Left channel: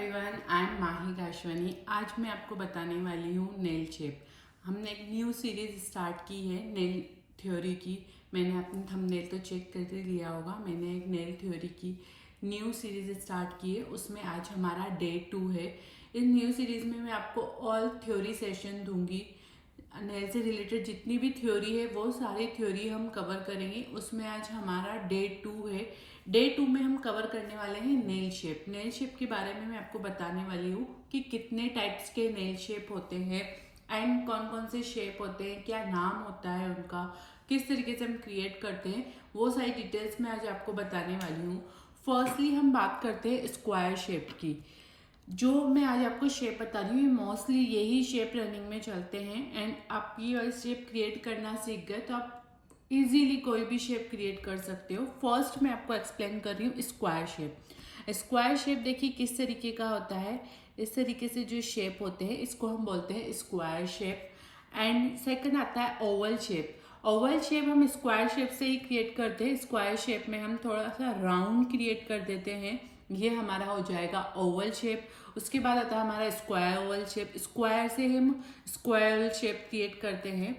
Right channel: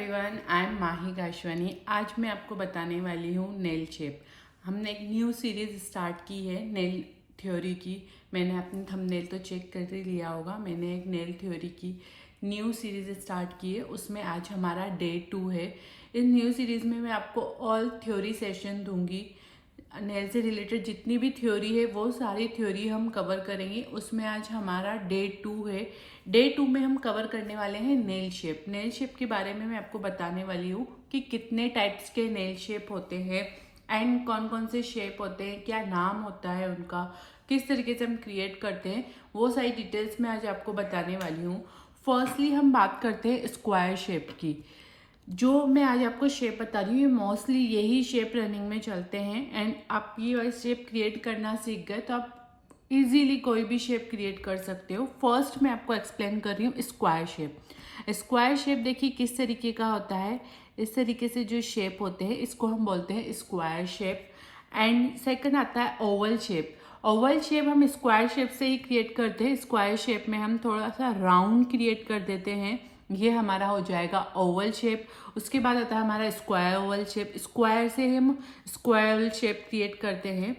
Everyone, I am माही गाशवानी। आज मैं आपको बताने वाली हूँ नेल शेप। हमने एक न्यू सीरीज स्टार्ट की है नेल थ्योरी की। मैंने अपनी थंबनेल तो चेक कर ही लिया होगा। मैंने एक नेल थ्योरी की न्यू सीरीज स्टार्ट की है, उसमें आज हमारा डे 2 है। इस न्यू सीरीज में मैं आपको ऑल थ्योरी सेशन दूंगी। नेल से रिलेटेड जितनी भी थ्योरी है वो सारी थ्योरी हम कवर करेंगे। उसमें आज हमारा डे 2 है। डे 2 में हम कवर करने वाले हैं नेल शेप। नेल शेप के बारे में मैं आपको बताने वाली हूँ कि कितने टाइप्स के नेल शेप होते हैं एंड कौन कौन से शेप होते हैं, क्या नाम होता है उनका, किस तरीके से हम क्रिएट करते हैं, वो सारी डिटेल्स मैं आज आपको बताने वाली हूँ। फर्स्टली हम बात करते हैं स्क्वायर शेप की। जो मैं आज आपको शेप बता रही हूँ, ये मोस्टली यही शेप रनिंग में चलते हैं एंड आप ये वाले शेप क्रिएट करना सीख गए तो आप इजीली कोई भी शेप क्रिएट कर सकते हो। फर्स्ट मैं आपको एक्सप्लेन कर रही हूँ स्क्वायर शेप। स्क्वायर शेप देखिए किस तरीके का होता है। इस तरीके से जो शेप होते हैं इसको हम बोलते हैं स्क्वायर शेप। एंड सेकंड आता है ओवल शेप। ओवल शेप हम स्क्वायर शेप से ही क्रिएट करते हैं। स्क्वायर शेप में हम थोड़ा सा राउंड क्रिएट कर देते हैं, ये हमारा हो जाएगा ओवल शेप। उसके बाद आता है हमारा स्क्वायर ओवल शेप। स्क्वायर से हम स्क्वायर शेप क्रिएट करते हैं।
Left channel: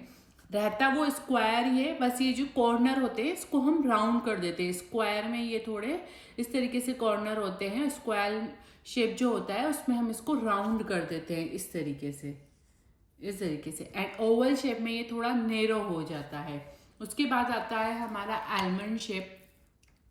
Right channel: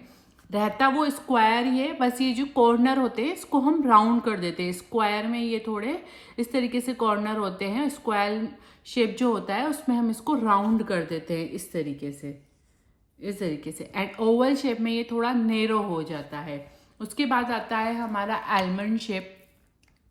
रहता वो स्क्वायर ही है, बस ये जो कॉर्नर होते हैं इसको हम राउंड कर देते हैं। स्क्वायर में ये थोड़े इस तरीके से कॉर्नर होते हैं। स्क्वायर शेप जो होता है उसमें हम इसको राउंड कर देते हैं इस तरीके से, इस तरीके से। एंड ओवल शेप में ये थोड़ा नेरो हो जाता है। उसके बाद आता है हमारा आलमंड शेप।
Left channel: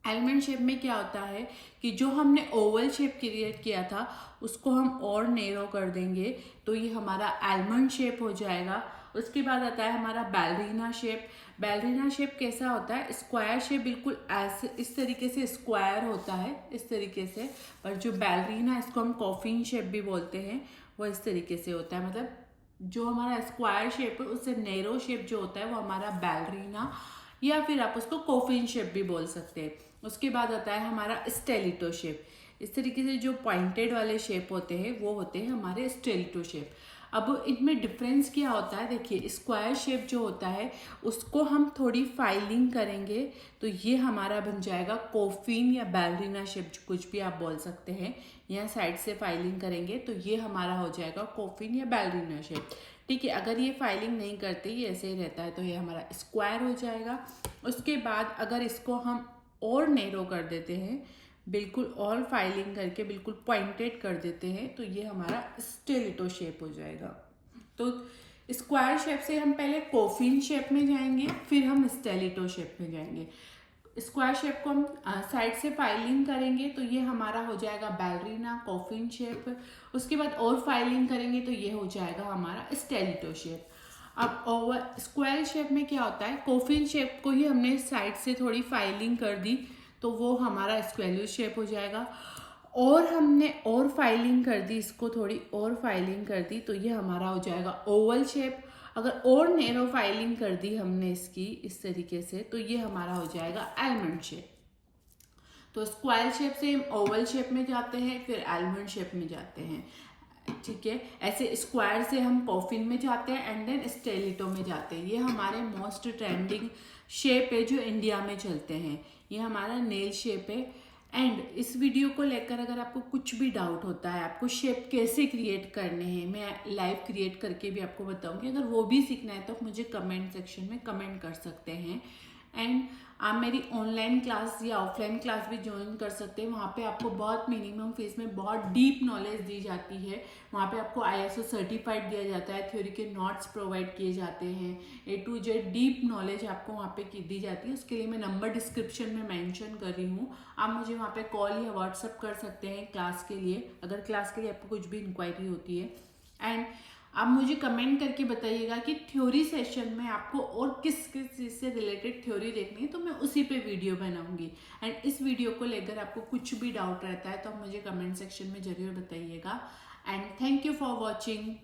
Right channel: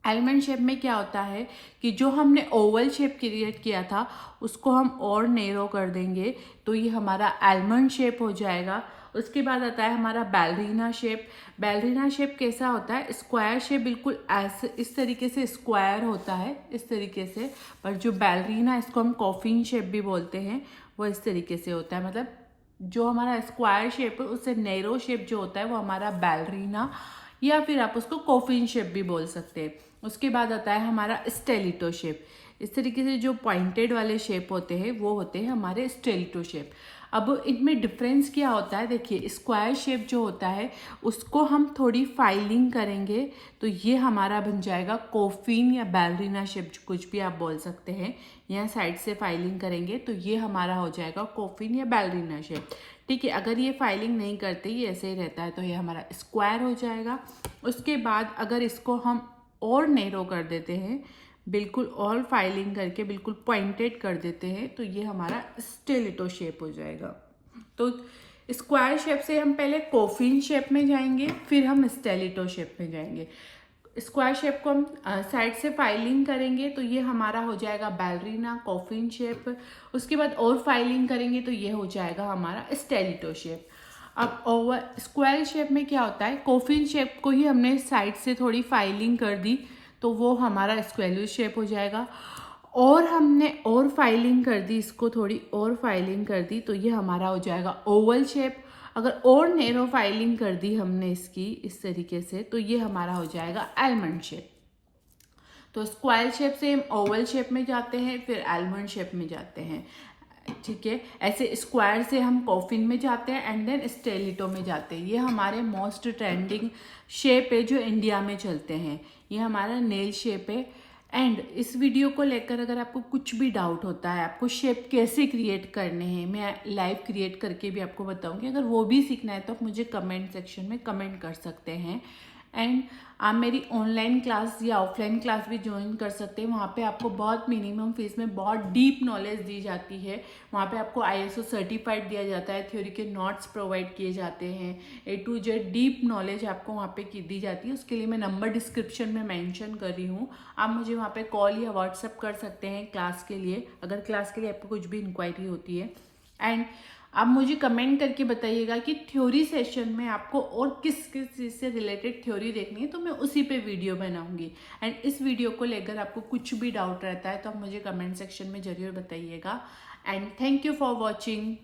आलमंड शेप में क्या होता है कि जो हमने ओवल शेप क्रिएट किया था उसको हम और नेरो कर देंगे तो ये हमारा आलमंड शेप हो जाएगा। उसके बाद आता है हमारा बैलरीना शेप। बैलरीना शेप कैसा होता है? स्क्वायर शेप बिल्कुल ऐसे इस तरीके से स्क्वायर होता है, इस तरीके से। पर जो बैलरीना, इसको हम कॉफिन शेप भी बोलते हैं, वो इस तरीके से होता है। मतलब जो हमारा स्क्वायर शेप है उससे नैरो शेप जो होता है वो हमारा बैलरीना, या फिर आप उसको कॉफिन शेप भी बोल सकते हैं। उसके बाद आता है हमारा स्टेलिटो शेप। इस तरीके से जो पॉइंटेड वाले शेप होते हैं वो होते हैं हमारे स्टेलिटो शेप। अब इनमें डिफरेंस क्या होता है? देखिए, स्क्वायर शेप जो होता है उसको हम थोड़ी फाइलिंग करेंगे तो ये हमारा बन जाएगा कॉफिन या बैलरीना शेप, कुछ भी आप बोल सकते हैं। यहाँ साइड से फाइलिंग करेंगे तो ये हमारा हो जाएगा कॉफिन या बैलरीना शेप। ठीक है, अगर ये फाइलिंग नहीं करते, ये ऐसे ही रहता है, तो ये हमारा स्क्वायर हो जाएगा। उसके बाद अगर इसको हम और नैरो कर देते हैं, बिल्कुल और फाइलिंग करके बिल्कुल पॉइंटेड कर देते हैं, तो ये हमारा स्टेलिटो शेप हो जाएगा। तो स्क्वायर शेप से हम पहले कॉफिन शेप में जाएंगे, फिर हम स्टेलिटो शेप में जाएंगे। स्क्वायर शेप को हम साइड से फाइलिंग करेंगे तो ये हमारा हो जाएगा बैलरीना कॉफिन शेप। उसके बाद और फाइलिंग करेंगे तो ये हो जाएगा हमारा स्टेलिटो शेप। अब ओवर स्क्वायर शेप में क्या होता है, कॉफिन शेप को ही हमने साइड से थोड़ी फाइलिंग कर दी तो वो हमारा स्क्वेयर शेप हो जाएगा। और हमने और फाइलिंग कर दी, इसको थोड़ी और फाइलिंग कर दी तो ये हमारा हो जाएगा ओवल शेप। अगर और नैरो फाइलिंग कर दी हमने इसकी इस तरीके से तो ये हमारा हो जाएगा आलमंड शेप। तो स्क्वायर शेप से हम ओवल शेप में जाते हैं, फिर आलमंड शेप में जाते हैं। ठीक है, ऐसे स्क्वायर से हम कॉफिन में जाते हैं एंड देन स्टेलिटो में जाते हैं। ये हमारे मोस्ट ट्रेंडिंग शेप है जो इंडिया में चलते हैं। ये हमारा नेल शेप है। एंड इस वीडियो को लेकर अगर आपको कुछ भी डाउट होता है, आपको शेप कैसे क्रिएट करने हैं, मैं लाइव क्रिएट करके भी आपको बताऊंगी। अगर वो भी सीखना है तो आप मुझे कमेंट सेक्शन में कमेंट कर सकते हैं। एंड आप मेरी ऑनलाइन क्लास या ऑफलाइन क्लास भी ज्वाइन कर सकते हैं। वहाँ पे आपको बहुत मिनिमम फीस में बहुत डीप नॉलेज दी जाती है। वहाँ पे आपको ISO सर्टिफाइड दिया जाता है, थ्योरी के नोट्स प्रोवाइड किए जाते हैं, A to Z deep knowledge आपको वहाँ पे दी जाती है। उसके लिए मैं नंबर डिस्क्रिप्शन में मेंशन कर रही हूँ। आप मुझे वहाँ पे कॉल या व्हाट्सअप कर सकते हैं क्लास के लिए, अगर क्लास के लिए आपको कुछ भी इंक्वायरी होती है। एंड आप मुझे कमेंट करके बताइएगा कि थ्योरी सेशन में आपको और किस किस चीज़ से रिलेटेड थ्योरी देखनी है, तो मैं उसी पे वीडियो बनाऊंगी। एंड इस वीडियो को लेकर आपको कुछ भी डाउट रहता है तो आप मुझे कमेंट सेक्शन में ज़रूर बताइएगा। And thank you for watching.